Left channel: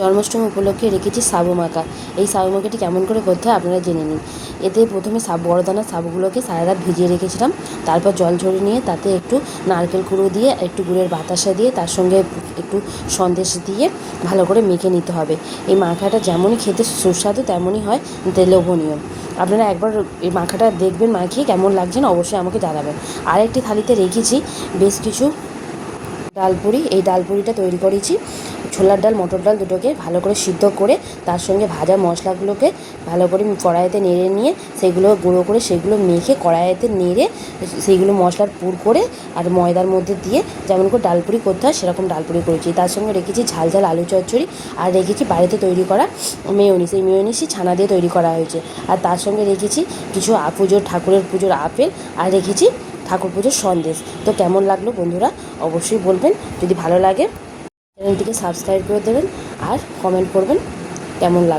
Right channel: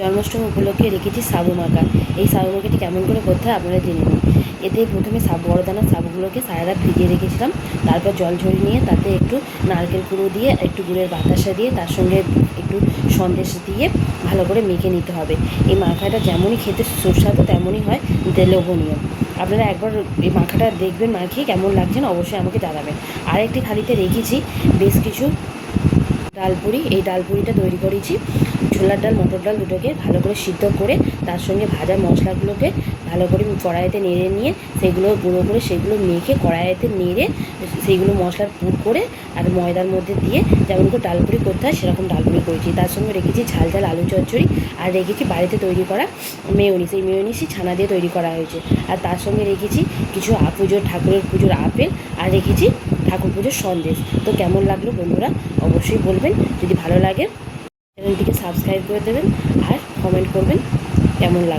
জন্মাষ্টমী উপলক্ষে রেখেছি সাবু মাখা। এই সাবু মাখাটি কেমন করে করতে হয় আপনারা জেনে নিন। এতে প্রথমে বড় দানার সাবুগুলোকে সারা রাত ভিজিয়ে রেখেছিলাম। তারপর জল ঝরিয়ে নিয়ে তাতে একটু নারকেল কুড়ো দিয়ে, একটু গুড়ের বাতাসা দিয়ে, তার সঙ্গে একটু সন্দেশ দিয়ে ভালো করে মেখে নিতে হবে। এই মাখাটা যেমনই খেতে সুস্বাদু তেমনই হয় লোভনীয়। আপনারা একবার এই মাখাটা দেখবেন, মাখিয়ে কেমন লাগছে না অবশ্যই আমাকে জানাবেন। আরেকটি থালিতে রেখেছি বেশ কিছু ডালপুরি। এই ডালপুরিটা তৈরি করেছি ছোলার ডাল, মটর ডাল দুটোকে ভালো করে সিদ্ধ করে তার সঙ্গে ভাজা মশলাগুলোকে ভালো করে কড়াইতে নেড়ে নিয়ে সেগুলো গুঁড়ো করে সেগুলো মেখে কড়াইতে নেড়ে সেইগুলো মশলার পুর করে আর ময়দার মধ্যে দিয়ে যেমন করে ডালপুরি করতে হয় সেরকম ডালপুরি করেছি। তার সঙ্গে রেখেছি ঝাল ঝাল আলু চচ্চড়ি আর রেখেছি বাড়িতে তৈরি করা মেয়োনিজ। এই মেয়োনিজই ছানা দিয়ে তৈরি করা হয়েছে। আর তার সঙ্গে রেখেছি কিছু ঠাকুরের পুজোর আপেল আর রেখেছি ঠাকুর পুজোর সন্দেশ। তো কেমন লাগলো বন্ধুরা অবশ্যই বলবেন। যদি ভালো লাগে চ্যানেলটিকে সাবস্ক্রাইব করে দেবেন আর কমেন্ট করবেন কেমন লাগে।